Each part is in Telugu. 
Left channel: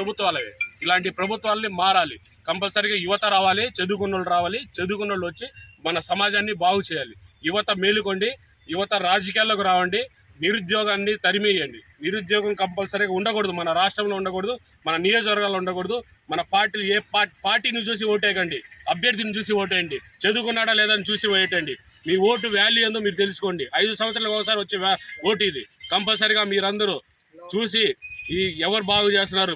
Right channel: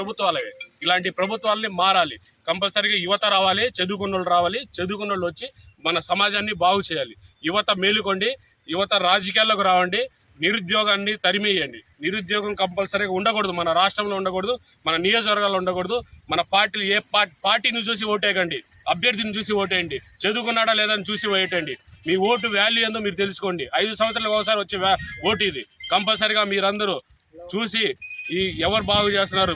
ప్రభుత్వాలవే. ఇలాంటి ప్రభుత్వాలని మారాలి. కంపల్సరీగా యువత రావాలి చదువుకున్న వాళ్ళు రావాలి చదువుకున్న వాళ్ళు వచ్చి మన సమాజాన్ని బాగు చేయాలి. యువత మేలుకోండి యువత రాజకీయాల్లోకి రావండి నిరుద్యోగాన్ని తరిమేయండి. నిరుద్యోగం కంపల్సరీగా ఉండకూడదు మన రాష్ట్రంలో ఉండకూడదు మన నియోజకవర్గాల్లో ఉండకూడదు మన పార్టీలు ఏ పార్టీ పార్టీని చూసి ఓటేయకండి అభ్యర్థిని చూసి ఓటేయండి చదువుకున్నాడా లేదని చూసి ఓటేయండి. మీ ఓటు వాల్యూ ఏందో మీరు తెలుసుకోండి. ఐదు సంవత్సరాలకు ఒకసారి వచ్చే ఓటు ఇది. కంపల్సరీగా మీరందరూ చూసి ఈ ఎవరు బాగు చేస్తున్నారు?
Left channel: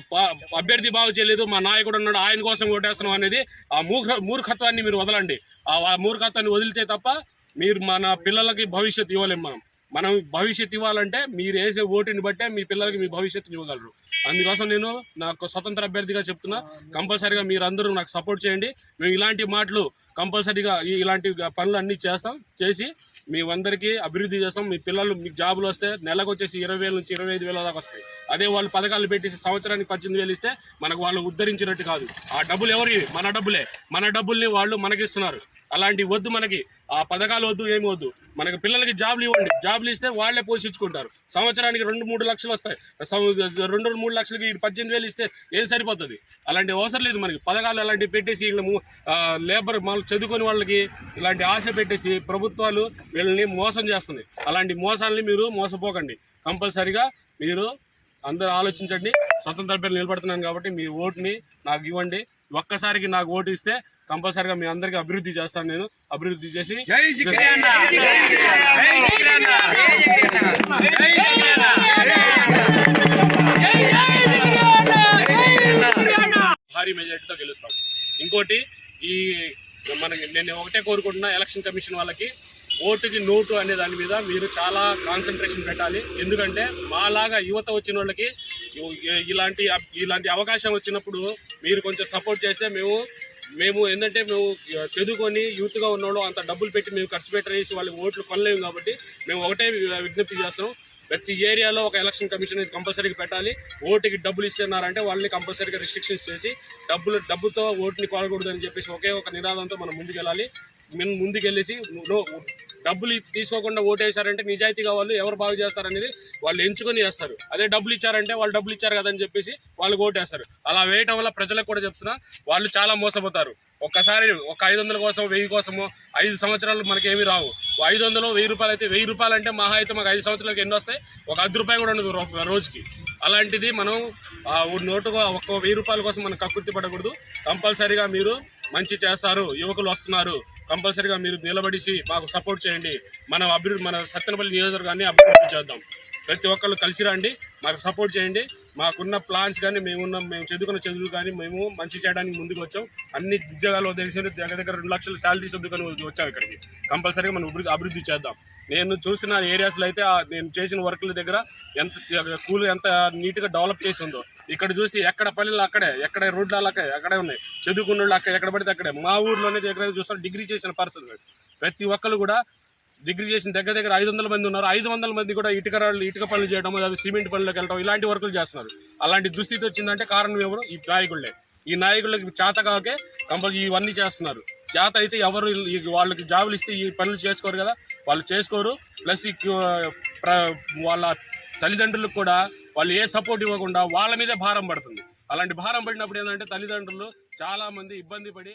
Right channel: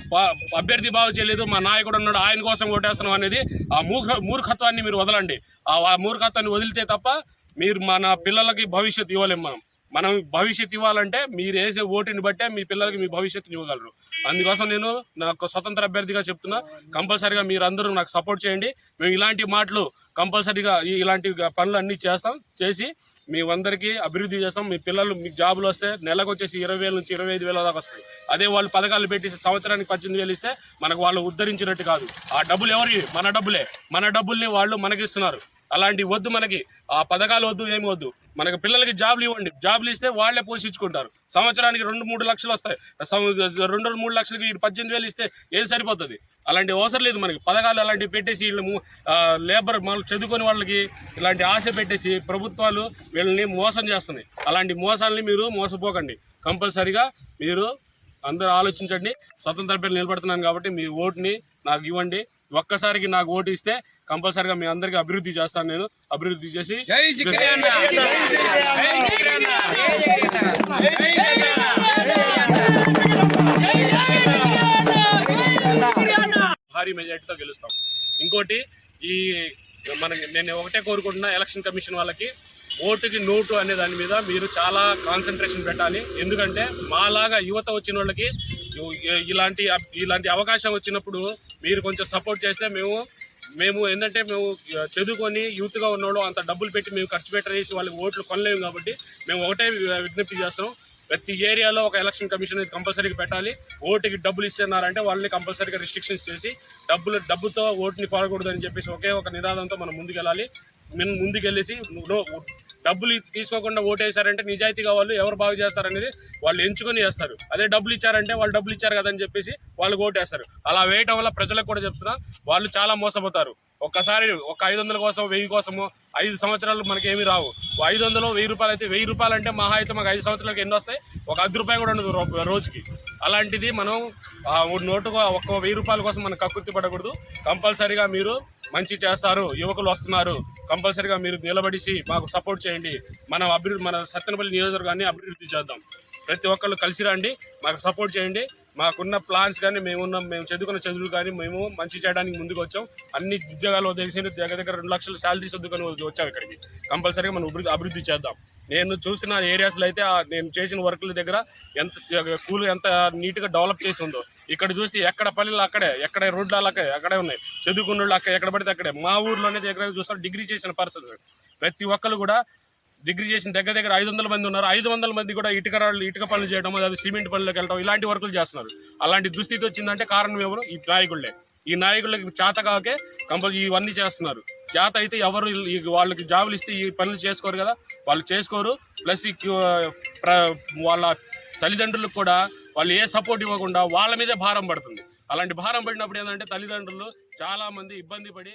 అభ్యర్థి బాగు చేయలేదు మా నాయకుడు ఉన్నాడు ఆయన కోసం ఓటేస్తున్నాం అనేది ఆ మూర్ఖ మూర్ఖత్వాన్ని మీరు వదలండి. ఆ మూర్ఖత్వాన్ని వదిలితే తప్ప మీరు మన పిల్లలకి భవిష్యత్తు ఇవ్వలేము మనం. మనం భవిష్యత్తు ఇవ్వాలంటే మీరు వేసే ఓటుని బట్టే మీ పిల్లలకి మీ భవిష్యత్తుని ఇవ్వగలరు. అందుకోసం నేను నాకు స్వతంత్ర అభ్యర్థిగా చెప్తున్నా కంపల్సరీగా మీరందరూ నాకు సపోర్ట్ చేయండి. మేము ఇలాంటి మాటలు కంపల్సరీగా ఇలాంటి పనులు అన్నీ చేస్తాం చేసి మేమందరికీ అభివృద్ధి చేస్తాం. మీ పిల్లలు మీకు జాబులు వస్తే నెలకు వచ్చేసి ఇరవై వేల నుంచి ఇరవై ఐదు వేల దాకా వస్తాయి. అదే వాళ్ళు పథకాలు పెట్టి సంవత్సరానికి పద్దెనిమిది వేలు ఇస్తే మనకు వాళ్ళు ఉద్ధరించినట్టు కాదు. ఆ డబ్బులు ఎవరి మన డబ్బులే. మన డబ్బుల్ని వాళ్ళు మనకిస్తున్నారు. అలాంటివి వద్దు మనకి. ఆ పథకాలు వద్దు ఏమి వద్దు. మనకి పిల్లలకి జాబ్లు ఇవ్వండి. జాబ్లు ఇస్తే వాళ్ళే పోషించుకుంటారు. సంవత్సరానికి రెండు మూడు లక్షలు వస్తాయి. రెండు మూడు లక్షలకి పద్దెనిమిది వేలు ఇస్తే ఏం సరిపోతుంది? అలాంటి అవసరం లేదు మనకి. పథకాలు అలాంటివి పెట్టేసి వీళ్ళు ము- లేబర్ వాళ్ళు చదువుకొని వాళ్ళకి ఇలాంటి ఆశ పెట్టేసి ప్రభుత్వాలు వీళ్ళని మోసం చేస్తున్నాయి. అలాంటి మోసాలని మీరు మోసపోకండి. కంపల్సరీగా మీరు అందరూ ఆలోచించండి. స్వతంత్ర పేరు నిలబడుతున్నాను కాబట్టి మీ ఓటుని నాకు ఇవ్వండి. ఒక్కసారికి నాకు ఓటు ఇస్తే కంపల్సరీగా మీ అందరికీ అభివృద్ధి చేస్తాను నేను. అభివృద్ధి చేసి భారీ మెజార్టీతో గెలుస్తాం. ఇంకోటి ఈ మనకి నేను ఒకటే కోరుకుంటున్నా ఎలక్షన్ కమిషన్ వాళ్ళకి ఓటుకి నోటు అనే దాని మీద మీరు చాలా కాన్సన్ట్రేషన్ పెట్టాలి. ఎందుకంటే మాలాగా యువత వచ్చిన వాళ్ళకి ఇలాంటి ఇలాంటి అవకాశం వచ్చినప్పుడు మీరు కొంచెం సపోర్ట్ చేస్తే మేము మేము ఏంటంటే మేము చదువుకొని యూత్గా ఉన్నోళ్ళు అంత డబ్బులు పెట్టి మేము ఖర్చు పెట్టేసి వాళ్ళకి ఓట్లు కొనలేము కాబట్టి మేము ఒకటే విజ్ఞప్తి చేస్తాం. ప్రతి ఏరియాలో ఒక ఎలక్షన్ కమిషన్ అనేది కంపల్సరీగా పెట్టాలి. ఓటుకి డబ్బులు ఇస్తున్నారంటే వాళ్ళని కంపల్సరీగా రిస్ట్రిక్షన్స్ చేసి డబ్బులు డబ్బుతో ఓటుని కొనకూడదు అని చెప్పేసి ఒకే ఒక నినాదంతో మనం ముందుకెళ్ళాలి. మేము ముందుకెళ్ళేసి డబ్బులు తీసుకోకుండా ఓటేశారంటే నిజాయితీగా వాళ్ళు ఎవరు బాగు చేస్తారనేది వాళ్ళు ఎంచుకొని చేస్తారు. అదే డబ్బులు ఇచ్చారంటే వాళ్ళు డబ్బులు ఇచ్చారు కదని చెప్పేసి వాళ్ళు ఓటేస్తారు. అలా వేయటం వల్ల ప్రజలకు కూడా చెప్తున్నా వాళ్ళు చాలా మోసపోతారు. ఒక్కసారి ఒక ఐదు వందల కోసం వెయ్యి కోసమో ఐదు సంవత్సరాలు మనకి రావు. ఐదు వందలు వెయ్యి రూపాయలు అయితే వెయ్యి రూపాయలు అంటే మహా అయితే మాకు ఐదు సంవత్సరాలకి ఎన్ని వస్తాయి? ఒక అర్ధ రూపాయి కూడా ఉండదు రోజుకి. అలాంటిది మనం నోటుగా ఒక్క వెయ్యి రూపాయల కోసం మనం కకృతి పడకూడదు. కంపల్సరీగా మీరు మంచి చేస్తారు యువకులు వస్తున్నారు. కంపల్సరీగా మీరు నిలబడిసి మాకు సపోర్ట్ చేయండి. మనం అభివృద్ధి మన సత్తెనపల్లి నియోజకవర్గాన్ని అభివృద్ధి చేద్దాం. ప్రతి ఒక్కళ్ళు కలిసి రండి మాకు సపోర్ట్ చేయండి. మాకున్న ప్లాన్స్ కానీ మేమున్న మేము చదువుకున్న చదువులు కానీ మేము మంచి చేయడానికి ముందుకు వచ్చాం అన్ని ఉద్యోగాలు వదిలేసి దగ్గర దగ్గర రెండు లక్షల శాలరీస్ వద్దుకొని వచ్చాం ఇక్కడికి. కంపల్సరీగా మనం అభివృద్ధి అభివృద్ధి చేద్దాం. నేను చూసిన ఏరియాస్లో అయితే నేను చేసిన వర్కుల దగ్గర ఎంత స్కూల్ ఎంత నీట్గా డెవలప్ చేసి ఉందో ఇక్కడ చూసి ఎక్కడ పల్లెలు అక్కడే ఎక్కడ రోడ్లు అక్కడే అక్కడే ఉన్నాయి. చదువుకున్న వాళ్ళు అక్కడ ఎక్కడ పడితే అక్కడే. మా ఊర్లోనే దగ్గర చూస్తాం డిగ్రీ చేసిన పర్సన్స్ ప్రతి ఒక్కరు కూడా డిగ్రీ చేసిన దగ్గర దగ్గర ఐదు వందల మంది ఉన్నారు. ఐదు వందల మంది కూడా ఇటుక రాళ్ళు ఇటుక పనులు చేయడం అవి సిమెంట్ పనులకు వెళ్ళడం ఇలాంటి వర్కులు చేస్తున్నారు. అలాంటి దుస్థితి వచ్చిందంటే కారణం ఎవరు? ఈ నాయకుళ్ళే ఈ నాయకులకి చేత కాకే కంపల్సరీ ఇవన్నీ చేస్తున్నారు. చేత అయితే ఎవరు వాళ్ళకి జాబులు ఇస్తే ఈ పనులు చేసుకోరు కదా. వాళ్ళు చేసుకోరు. ప్లస్ ఈ ప్ర- వాళ్ళ తల్లిదండ్రులకు కూడా వాళ్ళు ఏ సపోర్ట్ ఇవ్వకుండా వాళ్ళ మీదే భారం పడుతుంది. అలాంటి భారం పడినప్పుడు ఏంటంటే తల్లిదండ్రులు చాలామంది ఇబ్బంది పడి